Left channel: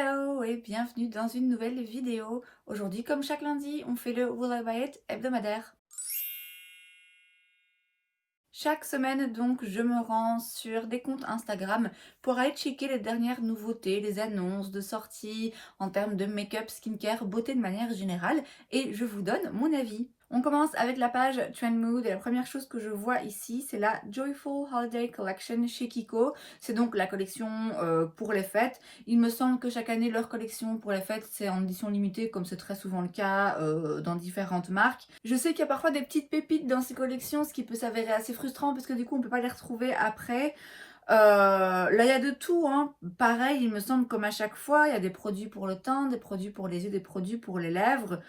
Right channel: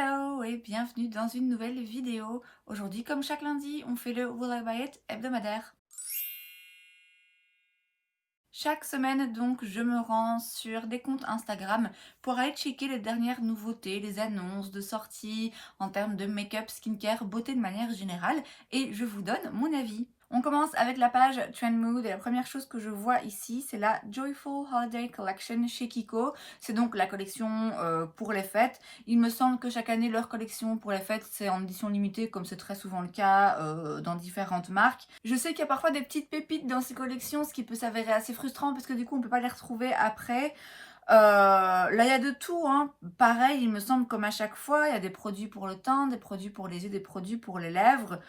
Hello et bienvenue dans une nouvelle vidéo. Aujourd'hui, comme chaque lundi, on fait le Will I Buy It hebdomadaire. Chaque semaine, donc, je me rends sur des comptes Instagram pour aller checker les dernières nouveautés, les annonces de sorties en termes de make-up, skincare, beauté de manière générale et je vous donne mon avis. On commence avec la page Trend Mood et la première chose que je vois ici, c'est la Joyful Holiday Collection chez Kiko. C'est donc la collection pour les fêtes. Il me semble que chaque année, leur collection pour les fêtes, c'est en édition limitée, comme c'est très souvent le cas dans différentes marques. Je sais qu'il y a parfois des petites pépites dans ces collections, ce qui peut s'avérer assez frustrant parce que du coup, on ne peut pas les retrouver après. Là, il y a de tout, hein. Pareil, il me semble, comme à chaque fois, il y a des produits pour le teint, des produits pour les yeux, des produits pour les lèvres.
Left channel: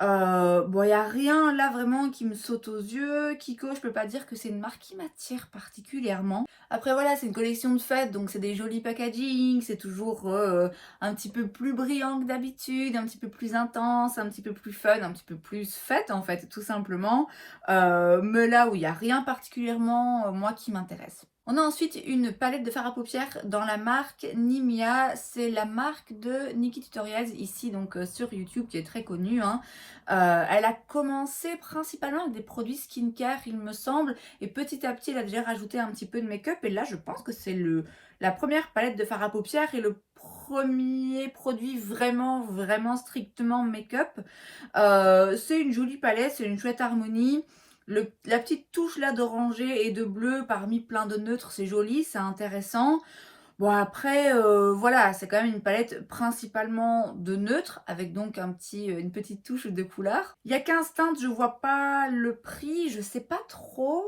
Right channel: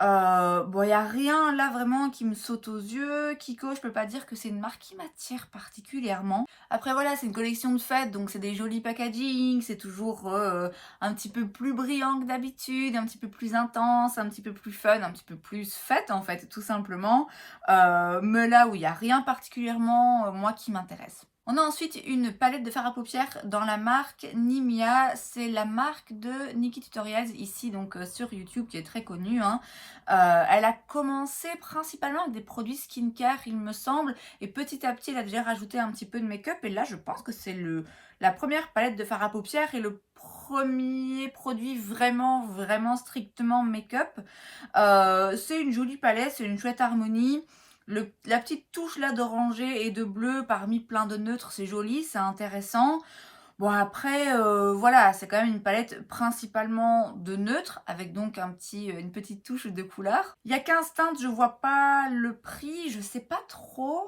Bon, il n'y a rien là vraiment qui me saute aux yeux. Kiko, je peux pas dire que c'est une marque qui m'attire particulièrement. Après voilà, c'est une collection de fêtes, donc c'est des jolis packaging, c'est toujours un petit peu plus brillant que d'habitude, un petit peu plus intense, un petit peu plus fun, un petit peu plus fête en fait, tout simplement. Mais là où il n'y a rien particulièrement, moi, qui m'intéresse. On a ensuite une palette de fard à paupières dans la marque Nimia. C'est la marque de Nikki Tutorials ici donc sur YouTube qui est très connue, hein. Elle a commencé principalement avec des produits skincare il me semble et petit à petit elle a déjà rajouté un petit peu de make-up et là je pense que c'est la première palette de fard à paupières et le premier produit vraiment strictement make-up. C'est une jolie palette, c'est une chouette harmonie. La petite touche là d'orangé et de bleu parmi plein de neutres, c'est joli, c'est intéressant. Bon après, voilà, c'est quand même une palette principalement de neutres avec donc une petite touche de couleur. Il y a 15 teintes, je vois pas le prix, je sais pas trop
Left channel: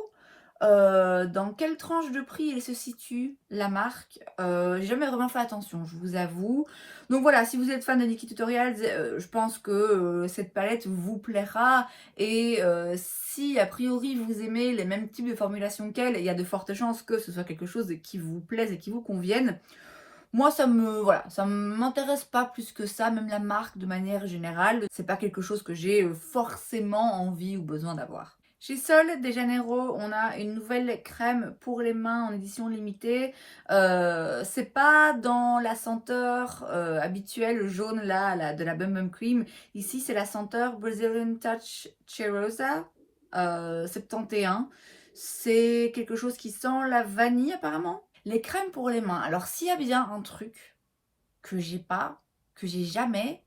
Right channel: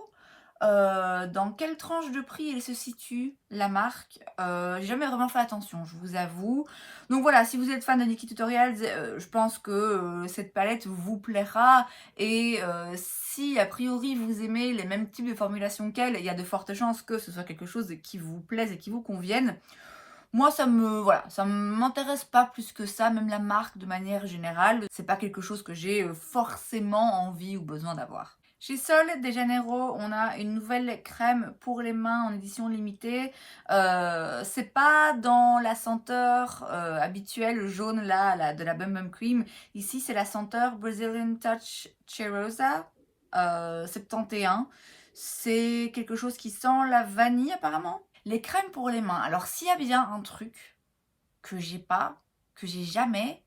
dans quelle tranche de prix elle se situe, la marque. J'ai jamais vraiment fait attention, je vous avoue. Donc voilà, si vous êtes fan de Nikki Tutorials, je pense que cette palette vous plaira. Et si a priori vous aimez les mêmes types de formulations qu'elle, il y a de fortes chances que ce soit quelque chose qui vous plaise et qui vous convienne. Moi, ça m'intéresse pas plus que ça, même la marque de manière générale. C'est pas quelque chose que j'ai forcément envie ou besoin d'avoir. Chez Sol de Janeiro, on a une nouvelle crème pour les mains en édition limitée. C'est pas dans la senteur habituelle jaune là, de la Bum Bum Cream. Ici, c'est la senteur Brazilian Touch Cheirosa 71. C'est quelque chose qui sent la vanille apparemment. Les crèmes pour les mains. Alors, s'il y a bien un truc que j'ai pas, que j'ai jamais,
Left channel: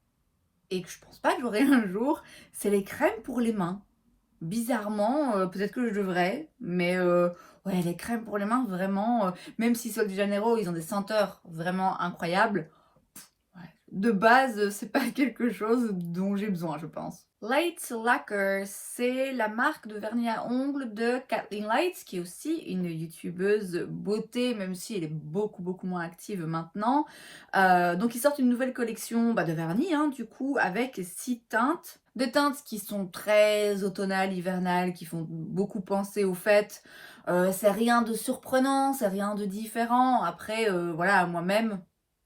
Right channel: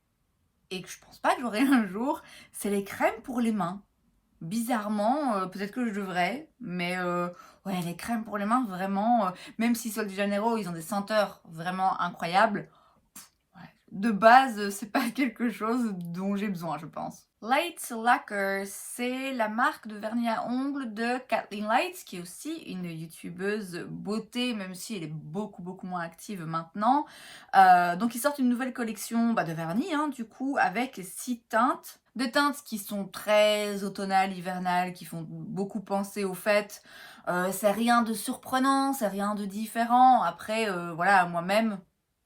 et que je pense pas que j'aurai un jour, c'est les crèmes pour les mains. Bizarrement, peut-être que je devrais, mais ouais, les crèmes pour les mains, vraiment, même si Sol de Janeiro, ils ont des senteurs vraiment incroyables, ouais, de base, c'est pas quelque chose dont j'ai besoin, je pense. Light Lacquer, c'est la marque de vernis à ongles de Kathleen Lights, qui est aussi une youtubeuse beauté, même si elle est beaucoup moins active maintenant. Donc ils sortent une nouvelle collection de vernis, hein, du coup, avec 6 teintes. Des teintes qui sont très automnales, hivernales, qui font beaucoup penser aux fêtes. C'est rien de surprenant, c'est rien de différent. Après, voilà, moi-même,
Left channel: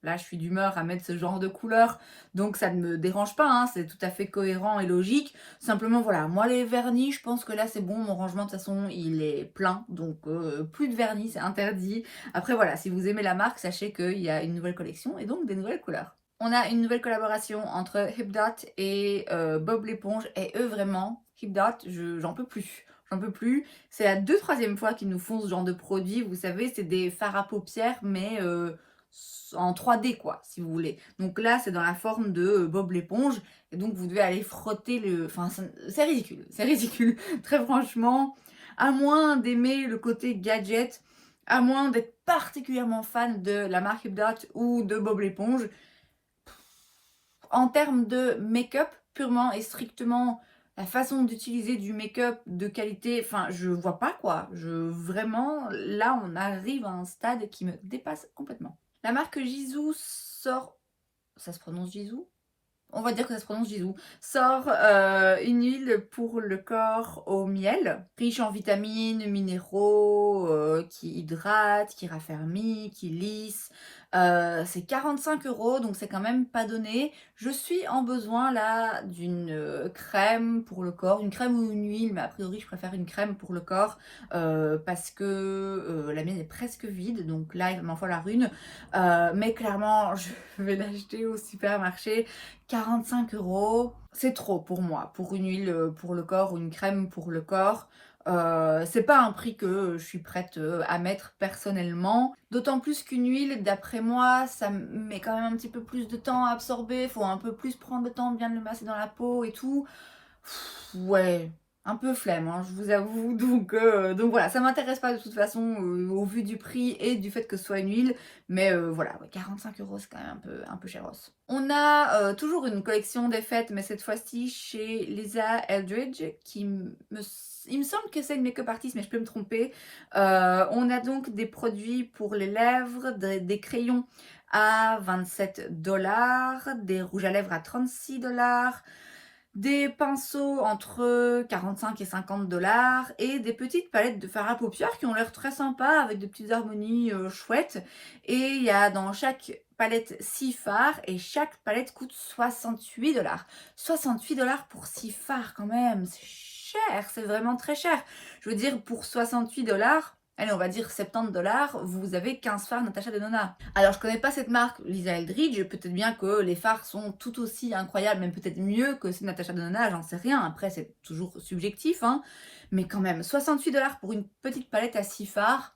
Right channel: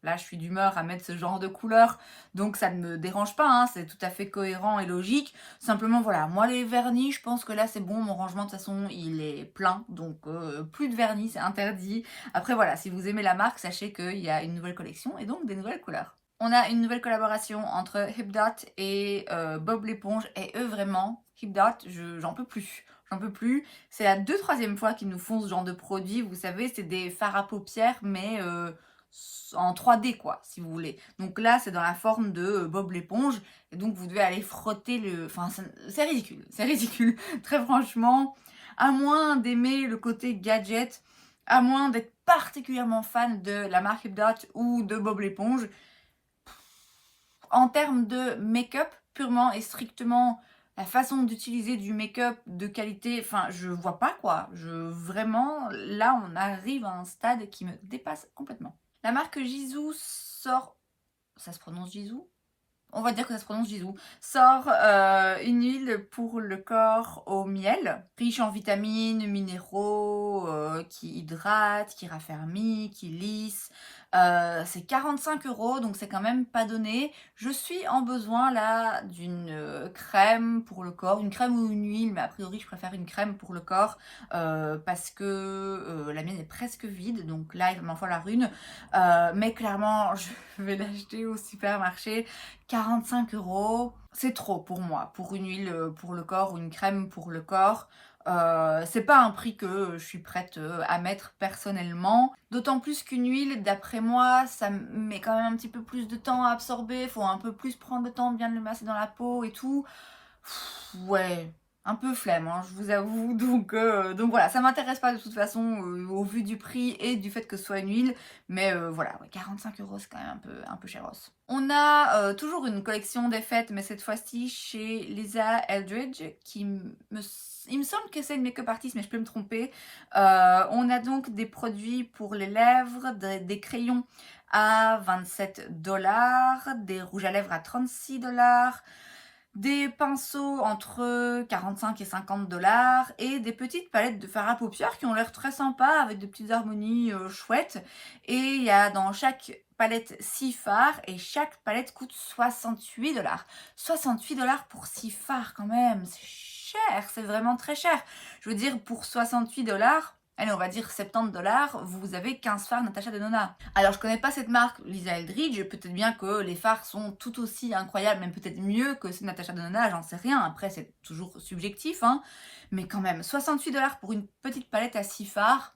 là, je suis d'humeur à mettre ce genre de couleur, donc ça ne me dérange pas, hein, c'est tout à fait cohérent et logique. Simplement, voilà, moi les vernis, je pense que là c'est bon, mon rangement de toute façon il est plein, donc plus de vernis, c'est interdit. Après voilà, si vous aimez la marque, sachez qu'il y a une nouvelle collection et donc des nouvelles couleurs. On a une nouvelle collaboration entre Hipdot et Bob l'éponge, et eux vraiment, Hipdot, j'en peux plus. J'en peux plus. C'est la 2/3e fois qu'ils nous font ce genre de produit. Vous savez, c'est des fards à paupières, mais en 3D, quoi, si vous voulez. Donc là, c'est dans la forme de Bob l'éponge. Et donc, vous devez aller frotter le... Enfin, c'est ridicule. C'est ridicule. Très franchement, à moins d'aimer le côté gadget, à moins d'être particulièrement fan de la marque Hipdot ou de Bob l'éponge, en termes de make-up, purement et strictement la façon d'utiliser du make-up de qualité, enfin, je vois pas quoi. Vraiment, là, on arrive à un stade qui me dépasse complètement. La marque Jisoo sort... Ça se prononce Jisoo? On va dire que ça se prononce Jisoo. Sort une huile pour le corps au miel, riche en vitamines, minéraux, qui hydrate, qui raffermit, qui lisse. C'est 45 €, donc c'est quand même pas donné. Je suis en besoin là d'une, crème pour le corps, une crème ou une huile, mais a priori je préfère une crème pour le corps, parce que, la mienne est presque vide, donc là il m'en falloir une. Mais clairement je vais l'acheter au supermarché. 45 €, c'est trop pour moi, pour une huile, pour le corps ou une crème pour le corps. C'est pas un prix que je suis prête, à mettre personnellement. D'autant plus qu'une huile, d'après moi, ça met quand même un petit peu plus de temps à absorber. Faut un peu plus prendre le temps de bien le masser dans la peau et tout. Ouais, un peu flemme, hein, je vous avoue. Donc voilà, ça m'intéresse pas de toute façon, au vu du prix et du fait que ce soit une huile. Mais voilà, ouais, 45 €, c'est quand même un peu chéros. On a, toujours une collection des fêtes, mais cette fois-ci chez Lisa Eldridge, qui il me semble que c'est une make-up artiste, mais je peux me tromper. On a donc des produits pour les lèvres, des crayons à 27 $, des rouges à lèvres à 36 $, des pinceaux entre 45 et 50 $ et des petites palettes de fard à paupières qui ont l'air très sympas avec des petites harmonies, chouettes. Et il y a dans chaque palette 6 fards et chaque palette coûte 68 $. 68 $ pour 6 fards quand même, c'est cher, c'est vraiment très cher. Je veux dire pour 68 $, allez, on va dire 70 $, vous avez 15 fards Natasha Denona. Alors, je connais pas cette marque, Lisa Eldridge, peut-être bien que les fards sont tout aussi incroyables, même peut-être mieux que ceux de Natasha Denona, j'en sais rien. Après, c'est toujours subjectif, hein. Mais quand même, 68 $ pour une petite palette à 6 fards,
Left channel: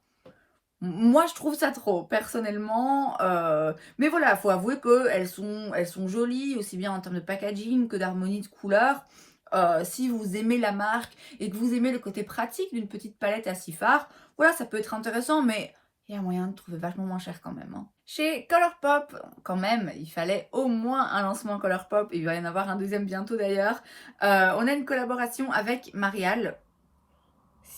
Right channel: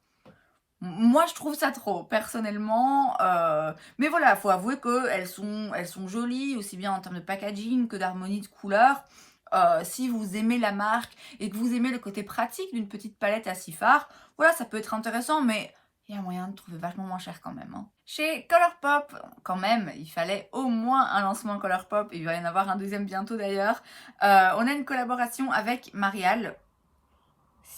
moi, je trouve ça trop, personnellement. Mais voilà, faut avouer qu'elles sont jolies, aussi bien en termes de packaging que d'harmonie de couleurs. Si vous aimez la marque et que vous aimez le côté pratique d'une petite palette à 6 fards, voilà, ça peut être intéressant, mais il y a moyen de trouver vachement moins cher quand même, hein. Chez Colourpop, quand même, il fallait au moins un lancement Colourpop, il va y en avoir un deuxième bientôt d'ailleurs. On a une collaboration avec Marial.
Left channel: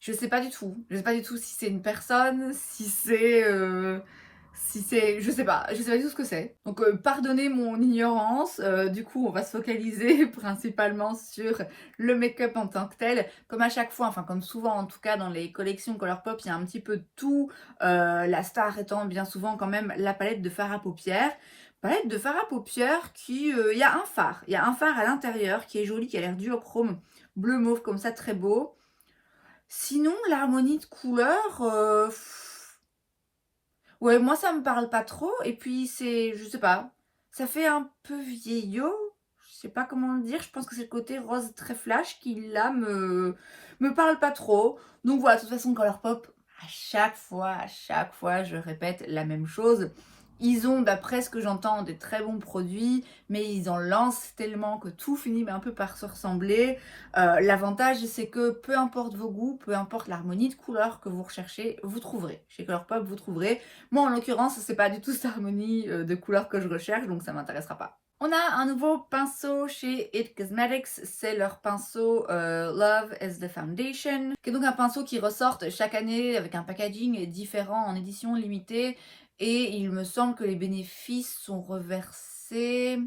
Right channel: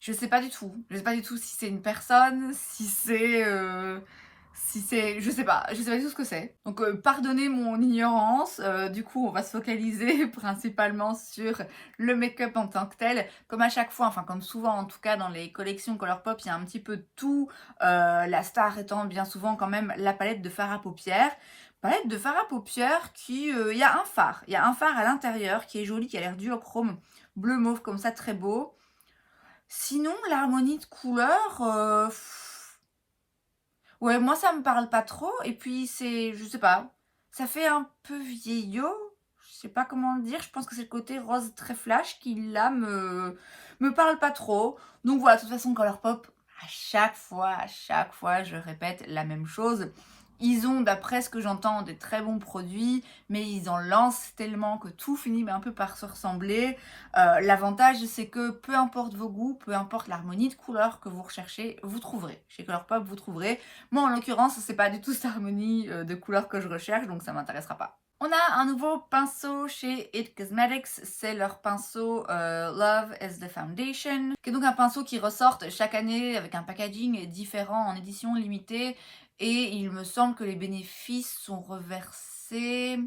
Je sais pas du tout. Je sais pas du tout si c'est une personne, si c'est je sais pas du tout ce que c'est. Donc pardonnez mon ignorance, du coup on va se focaliser principalement sur le make-up en tant que tel. Comme à chaque fois, enfin comme souvent en tout cas dans les collections Colourpop, il y a un petit peu de tout, la star étant bien souvent quand même la palette de fard à paupières. Palette de fard à paupières qui, il y a un phare à l'intérieur qui est joli, qui a l'air duochrome, bleu mauve comme ça, très beau. Sinon, l'harmonie de couleurs, ouais, moi ça me parle pas trop et puis je sais pas, ça fait un peu vieillot, je sais pas comment le dire, je pense que c'est le côté rose très flash qui là me parle pas trop. Donc voilà, de toute façon Colourpop, à chaque fois, je répète la même chose. Ils ont, d'après ce que j'entends, des très bons produits, mais ils en lancent tellement que tout finit un peu par se ressembler. L'avantage, c'est que peu importe vos goûts, peu importe l'harmonie de couleurs que vous recherchez, vous trouverez. Chez Colourpop, vous trouverez. Moi, en l'occurrence, c'est pas du tout cette harmonie de couleurs que je recherche, donc ça m'intéressera pas. On a un nouveau pinceau chez It Cosmetics, c'est leur pinceau Love is the Foundation, qui est donc un pinceau qui ressort chaque année avec un packaging différent en édition limitée. Et il me semble que les bénéfices sont reversés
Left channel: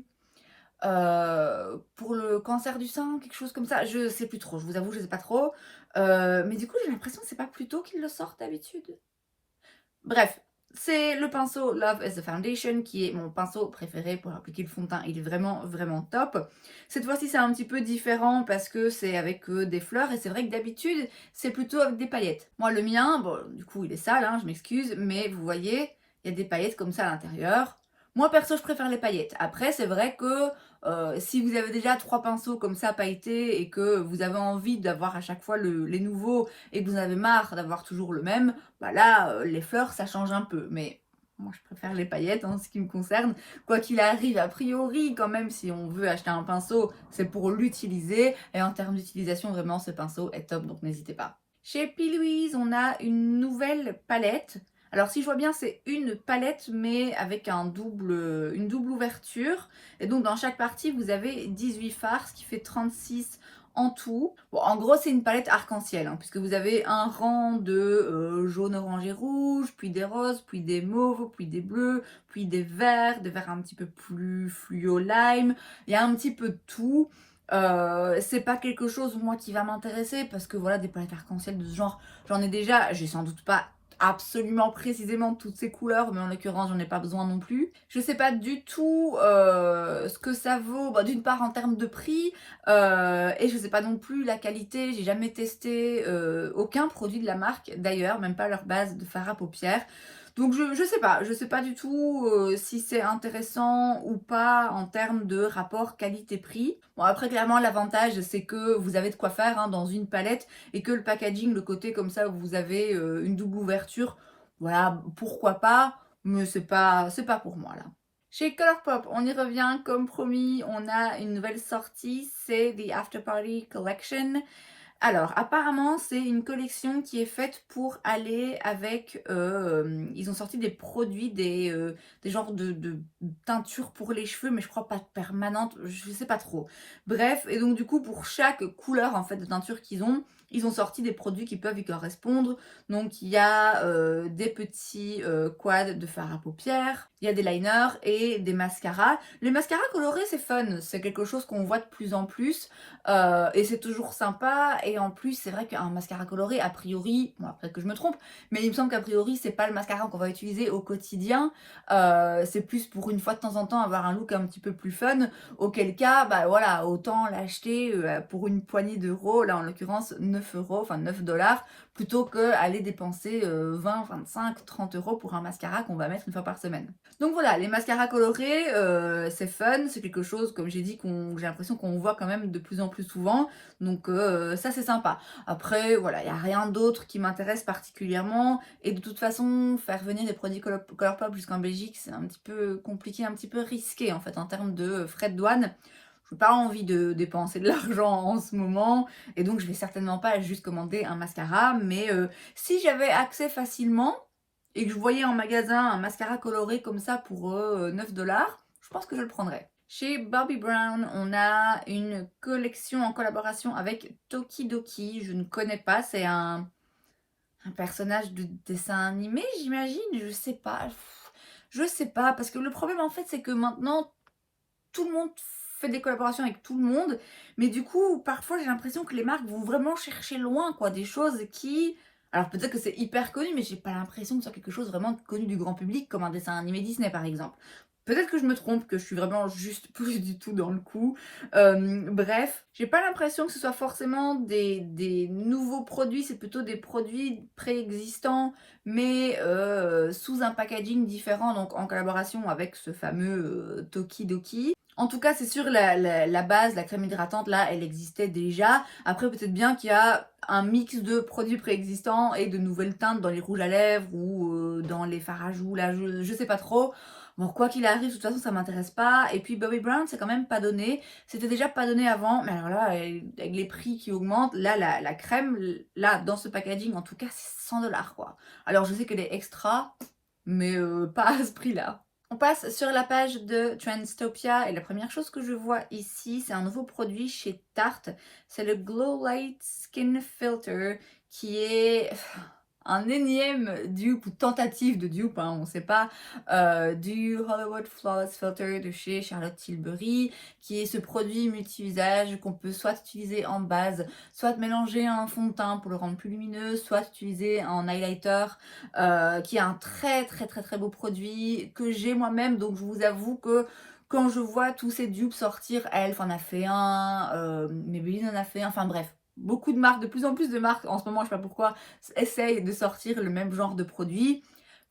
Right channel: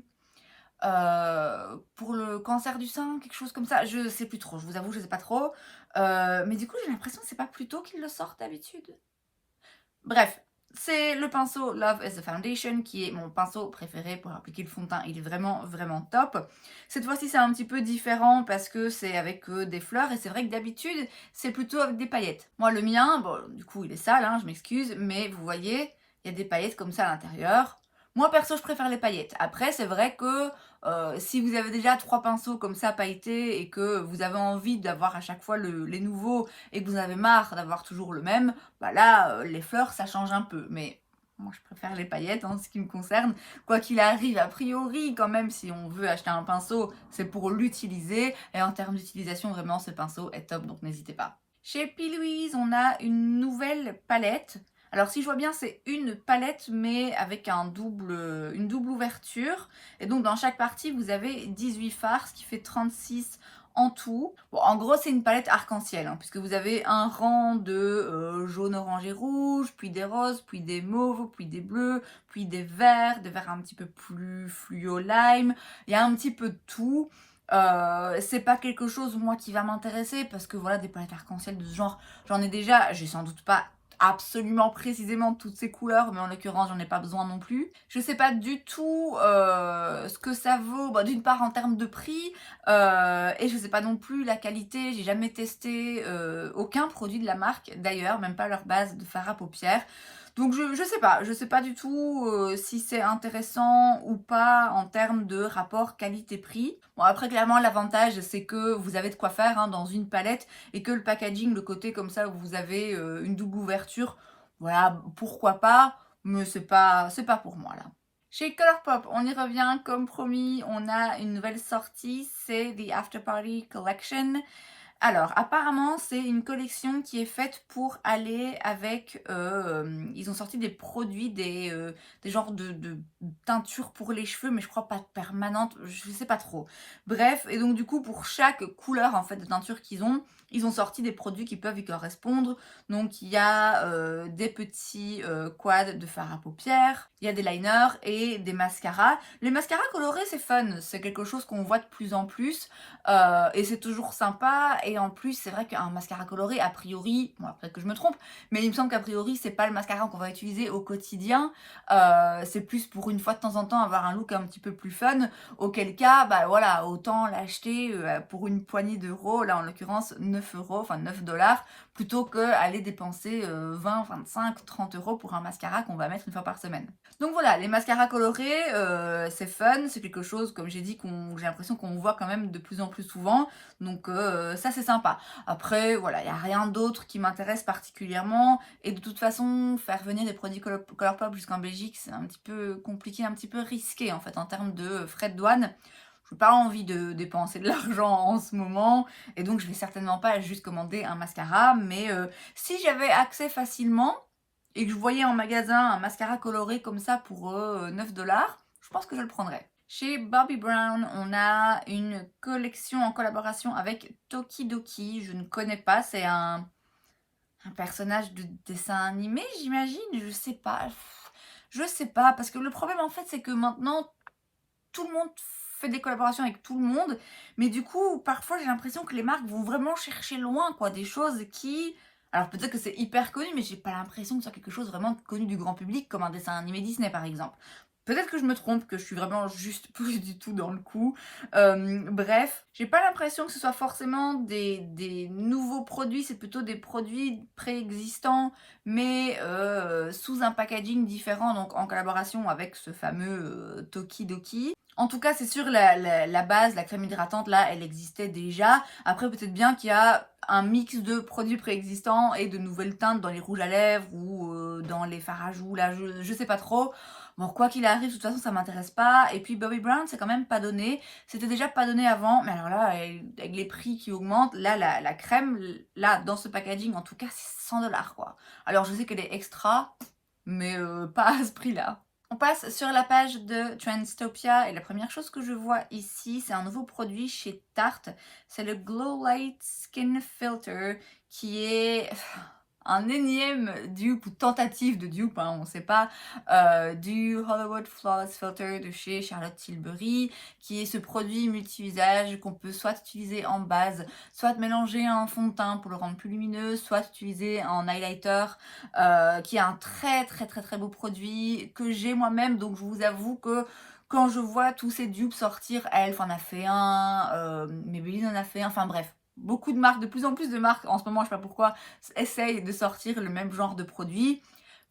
pour le cancer du sein, quelque chose comme ça. Je sais plus trop, je vous avoue, je sais pas trop. Mais du coup, j'ai l'impression que c'est pas plus tôt qu'ils le sortent d'habitude. Bref, c'est le pinceau Love is the Foundation qui est mon pinceau préféré pour appliquer le fond de teint. Il est vraiment, vraiment top. Cette fois-ci, c'est un petit peu différent parce que c'est avec des fleurs et c'est vrai que d'habitude, c'est plutôt avec des paillettes. Moi, le mien, bon, du coup, il est sale, hein, je m'excuse, mais vous voyez, il y a des paillettes comme ça à l'intérieur. Moi, perso, je préfère les paillettes. Après, c'est vrai que si vous avez déjà 3 pinceaux comme ça pailletés et que vous avez envie d'avoir à chaque fois les nouveaux et que vous en avez marre d'avoir toujours le même, bah là, les fleurs, ça change un peu. Mais moi, je préfère les paillettes en ce qui me concerne. Quoi qu'il arrive, a priori, quand même, si on veut acheter un pinceau, c'est pour l'utiliser. Et en termes d'utilisation, vraiment, ce pinceau est top, donc n'hésitez pas. Chez P. Louise, on a une nouvelle palette. Alors, si je vois bien, c'est une palette, mais avec une double ouverture. Et donc, dans chaque partie, vous avez 18 fards, ce qui fait 36 en tout. Bon, en gros, c'est une palette arc-en-ciel, hein, puisque vous avez un rang de jaune, orange et rouge, puis des roses, puis des mauves, puis des bleus, puis des verts un petit peu plus fluo lime. Il y a un petit peu de tout. C'est pas quelque chose, moi, qui va m'intéresser, parce que voilà, des palettes arc-en-ciel de ce genre, j'en ai déjà, j'ai sans doute pas absolument précisément toutes ces couleurs, mais en l'occurrence j'en ai pas besoin non plus. Je sais pas du tout ce que ça vaut, bah, d'une part en termes de prix, et je sais pas non plus la qualité. J'ai jamais testé aucun produit de la marque d'ailleurs, même pas leur base de fard à paupières. Donc je sais pas du tout si c'est intéressant ou pas en termes de rapport qualité-prix. Bon après clairement l'avantage c'est que vous avez de quoi faire hein, dans une palette et que le packaging, le côté comme ça où vous avez une double ouverture, voilà, pourquoi pas, mais c'est pas pour moi là. Chez Colourpop, on y revient comme promis, on a une nouvelle sortie, c'est The After Party Collection. Alors, apparemment, c'est une collection qui est faite pour aller avec... ils ont sorti des produits, des genres de teintures pour les cheveux, mais je crois pas permanentes, je sais pas trop. Bref, et donc du coup, pour chaque couleur en fait de teinture qu'ils ont, ils ont sorti des produits qui peuvent y correspondre. Donc, il y a des petits quads de fard à paupières, il y a des liners et des mascaras. Les mascaras colorés, c'est fun, c'est quelque chose qu'on voit de plus en plus. Et c'est toujours sympa. Et en plus, c'est vrai qu'un mascara coloré, a priori, bon, peut-être que je me trompe, mais il me semble qu'a priori, c'est pas le mascara qu'on va utiliser au quotidien. C'est plus pour une fois de temps en temps avoir un look un petit peu plus fun. Auquel cas, bah voilà, autant l'acheter pour une poignée d'euros, là en l'occurrence 9 euros, enfin 9 dollars, plutôt que aller dépenser 20, 25, 30 euros pour un mascara qu'on va mettre une fois par semaine. Donc voilà, les mascaras colorés, c'est fun, c'est quelque chose, comme j'ai dit, j'ai l'impression qu'on voit quand même de plus en plus souvent. Donc ça, c'est sympa. Après, voilà, il n'y a rien d'autre qui m'intéresse particulièrement. Et de toute façon, faire venir des produits Colourpop jusqu'en Belgique, c'est un petit peu compliqué, un petit peu risqué, en fait, en termes de frais de douane. Je n'ai pas envie de dépenser de l'argent en ce moment. Et donc, je vais certainement pas juste commander un mascara. Mais si j'avais accès facilement et que je voyais en magasin un mascara coloré comme ça pour 9 dollars, je pense que je le prendrais. Chez Bobbi Brown, on a une collection en collaboration avec Tokidoki. Je ne connais pas, c'est un personnage de dessin animé, j'imagine. Je sais pas. Je sais pas, parce que le problème en fait, c'est que maintenant, tout le monde fait des collaborations avec tout le monde. Mais du coup, parfois, j'ai l'impression que les marques vont vraiment chercher loin, quoi. Des choses qui... Alors peut-être que c'est hyper connu, mais j'ai pas l'impression que ce soit quelque chose vraiment connu du grand public, comme un dessin animé Disney, par exemple. Peut-être que je me trompe, que je suis vraiment juste plus du tout dans le coup. Bref, j'ai pas l'impression que ce soit forcément des nouveaux produits, c'est plutôt des produits préexistants, mais sous un packaging différent, donc en collaboration avec ce fameux Tokidoki. En tout cas, c'est sûr, la base, la crème hydratante, là, elle existait déjà. Après, peut-être bien qu'il y a un mix de produits préexistants et de nouvelles teintes dans les rouges à lèvres ou dans les fards à joues, là, je sais pas trop. Bon, quoi qu'il arrive, de toute façon, ça m'intéresse pas. Et puis, Bobbi Brown, c'est quand même pas donné. C'était déjà pas donné avant, mais alors là, avec les prix qui augmentent, là, la crème, là, dans ce packaging, en tout cas, c'est 100 dollars, quoi. Alors, je sais qu'elle est extra, mais pas à ce prix-là. On passe sur la page de Trendstopia et la première chose que je vois ici, c'est un nouveau produit chez Tarte. C'est le Glow Light Skin Filter qui est un énième dupe ou tentative de dupe, hein, on ne sait pas, du Hollywood Flawless Filter de chez Charlotte Tilbury, qui est ce produit multi-usage qu'on peut soit utiliser en base, soit mélanger en fond de teint pour le rendre plus lumineux, soit utiliser en highlighter, qui est un très beau produit que j'ai moi-même. Donc je vous avoue que quand je vois tous ces dupes sortir, Elf en a fait un, Maybelline en a fait un, enfin bref, beaucoup de marques, de plus en plus de marques en ce moment, je sais pas pourquoi, essayent de sortir le même genre de produit.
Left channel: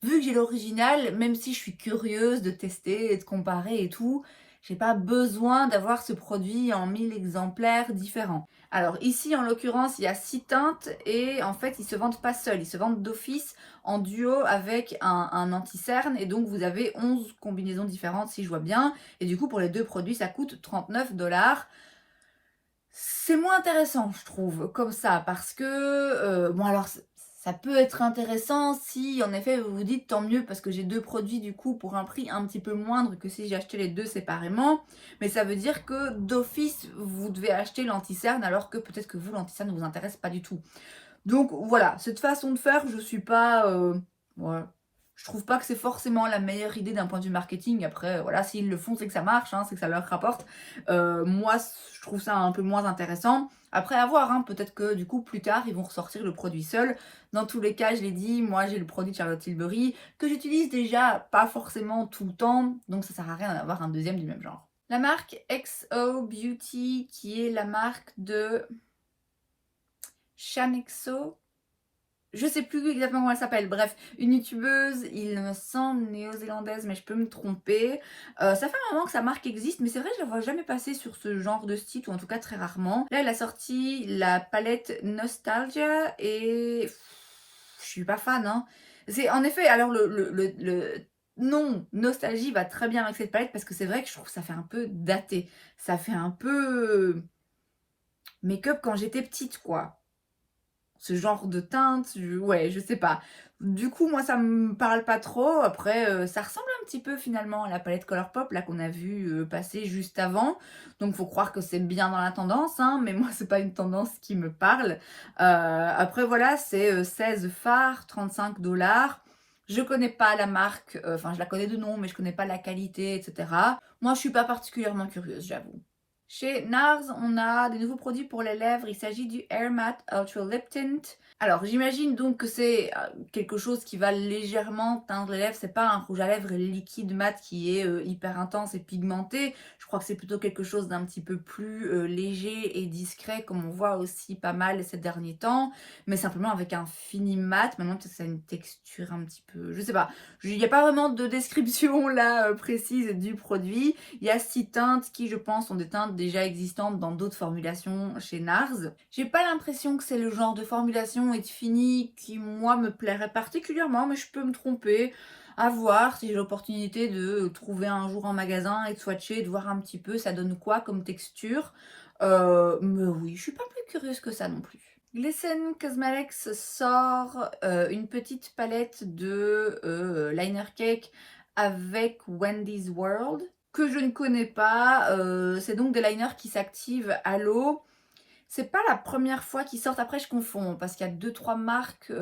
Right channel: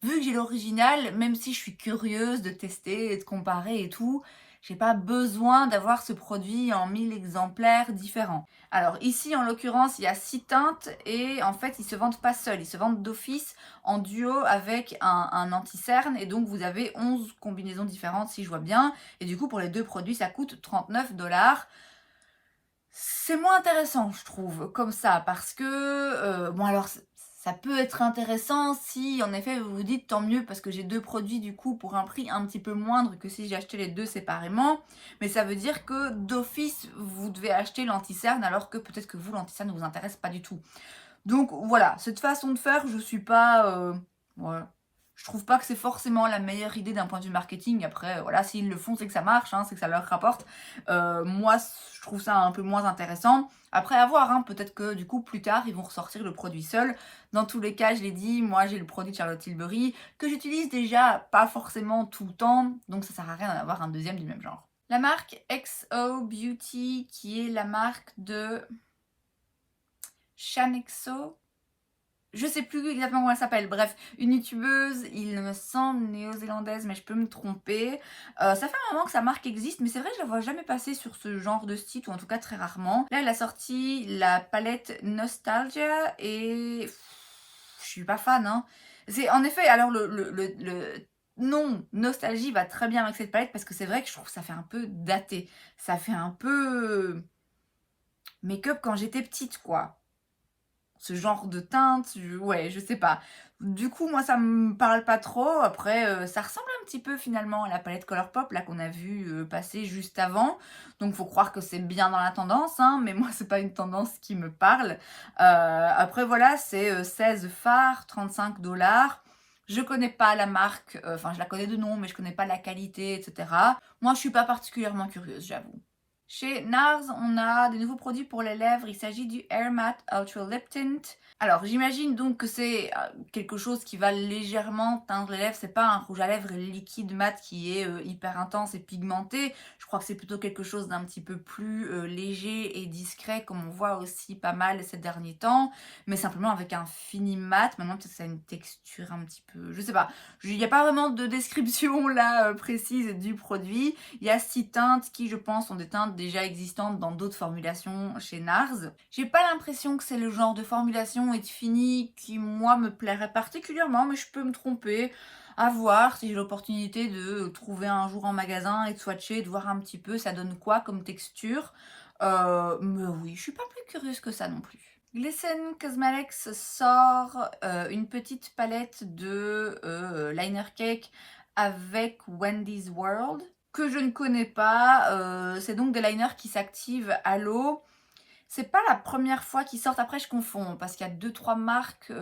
Vu que j'ai l'original, même si je suis curieuse de tester et de comparer et tout, j'ai pas besoin d'avoir ce produit en 1000 exemplaires différents. Alors ici, en l'occurrence, il y a 6 teintes et en fait, ils se vendent pas seuls, ils se vendent d'office en duo avec un anti-cerne et donc vous avez 11 combinaisons différentes si je vois bien. Et du coup, pour les deux produits, ça coûte 39 dollars. C'est moins intéressant, je trouve, comme ça, parce que, bon alors, ça peut être intéressant si, en effet, vous vous dites tant mieux, parce que j'ai deux produits, du coup, pour un prix un petit peu moindre que si j'ai acheté les deux séparément, mais ça veut dire que, d'office, vous devez acheter l'anti-cerne, alors que peut-être que vous, l'anti-cerne ne vous intéresse pas du tout. Donc, voilà, cette façon de faire, je suis pas... ouais, Je trouve pas que c'est forcément la meilleure idée d'un point de vue marketing. Après, voilà, s'ils le font, c'est que ça marche, hein, c'est que ça leur rapporte. Moi, je trouve ça un peu moins intéressant. Après, à voir, hein, peut-être que du coup, plus tard, ils vont ressortir le produit seul. Dans tous les cas, je l'ai dit, moi, j'ai le produit de Charlotte Tilbury que j'utilise déjà pas forcément tout le temps. Donc, ça sert à rien d'en avoir un deuxième du même genre. La marque XO Beauty, qui est la marque de Shanexo. Je sais plus exactement comment elle s'appelle. Bref, une youtubeuse, il me semble néo-zélandaise, mais je peux me tromper. Ça fait un moment que sa marque existe, mais c'est vrai que je la vois jamais passer sur ce genre de site, ou en tout cas très rarement. Là, elle a sorti la palette Nostalgia et je suis pas fan, hein. C'est en effet, alors le nom Nostalgie va très bien avec cette palette parce que c'est vrai que je trouve que ça fait un peu daté. Ça fait un peu make-up quand j'étais petite, quoi. Ce genre de teinte, ouais, je sais pas. Du coup, moi, ça me parle pas trop. Après, ça ressemble un petit peu finalement à la palette Colourpop là qu'on a vu passer juste avant. Donc, faut croire que c'est bien dans la tendance, hein, mais moi, c'est pas une tendance qui me parle. Après, voilà, c'est 16 fards, 35 $. Je connais pas la marque, enfin, je la connais de nom, mais je connais pas la qualité, etc. Moi, je suis pas particulièrement curieuse, j'avoue. Chez NARS, on a des nouveaux produits pour les lèvres. Il s'agit du Air Matte Ultra Lip Tint. Alors, j'imagine donc que c'est quelque chose qui va légèrement teindre les lèvres. C'est pas un rouge à lèvres liquide mat qui est hyper intense et pigmenté. Je crois que c'est plutôt quelque chose d'un petit peu plus léger et discret, comme on voit aussi pas mal ces derniers temps. Mais simplement avec un fini mat. Maintenant, peut-être que ça a une texture un petit peu... Je sais pas. Il n'y a pas vraiment de description là précise du produit. Il y a 6 teintes qui, je pense, sont des teintes déjà existantes dans d'autres formulations chez NARS. J'ai pas l'impression que c'est le genre de formulation et de fini qui, moi, me plairait particulièrement, mais je peux me tromper. À voir si j'ai l'opportunité de trouver un jour en magasin et de swatcher, de voir un petit peu ça donne quoi comme texture. Mais oui, je suis pas plus curieuse que ça non plus. Glisten Cosmetics sort une petite palette de liner cake avec Wendy's World que je ne connais pas. C'est donc des liners qui s'activent à l'eau. C'est pas la première fois qu'ils sortent. Après, je confonds parce qu'il y a 2-3 marques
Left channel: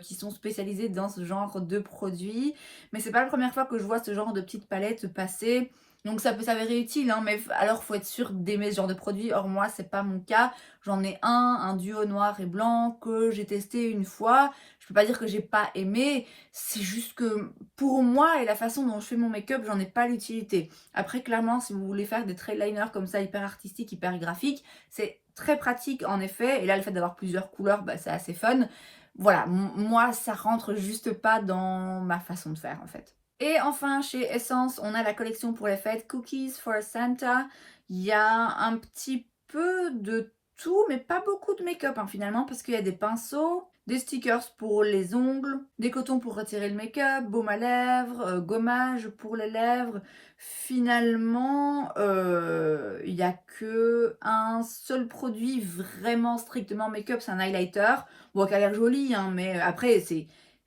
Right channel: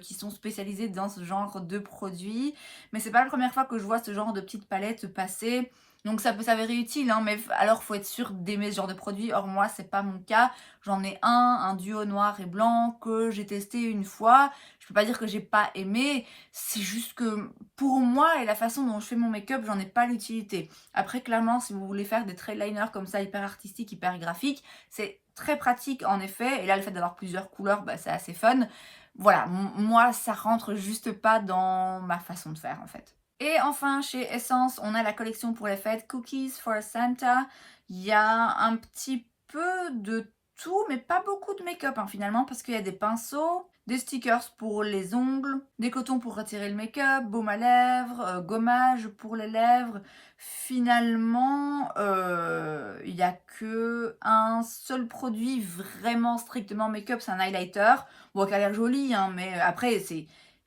qui sont spécialisées dans ce genre de produits. Mais c'est pas la première fois que je vois ce genre de petite palette passer. Donc ça peut s'avérer utile, hein, mais alors faut être sûr d'aimer ce genre de produit. Or moi, c'est pas mon cas. J'en ai un duo noir et blanc que j'ai testé une fois. Je peux pas dire que j'ai pas aimé. C'est juste que pour moi et la façon dont je fais mon make-up, j'en ai pas l'utilité. Après, clairement, si vous voulez faire des traits liners comme ça, hyper artistiques, hyper graphiques, c'est très pratique en effet. Et là, le fait d'avoir plusieurs couleurs, bah, c'est assez fun. Voilà, moi, ça rentre juste pas dans ma façon de faire en fait. Et enfin, chez Essence, on a la collection pour les fêtes Cookies for Santa. Il y a un petit peu de tout, mais pas beaucoup de make-up hein, finalement, parce qu'il y a des pinceaux, des stickers pour les ongles, des cotons pour retirer le make-up, baume à lèvres, gommage pour les lèvres. Finalement, il n'y a que un seul produit vraiment strictement make-up, c'est un highlighter. Bon, qui a l'air joli, hein, mais après,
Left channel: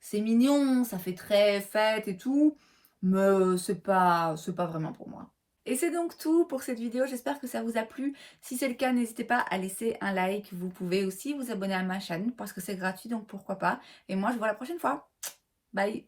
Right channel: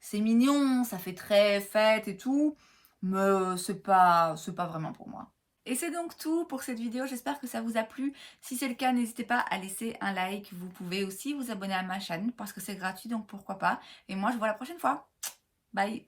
c'est mignon, ça fait très fête et tout, mais c'est pas vraiment pour moi. Et c'est donc tout pour cette vidéo, j'espère que ça vous a plu. Si c'est le cas, n'hésitez pas à laisser un like. Vous pouvez aussi vous abonner à ma chaîne parce que c'est gratuit, donc pourquoi pas. Et moi, je vous vois la prochaine fois. Bye!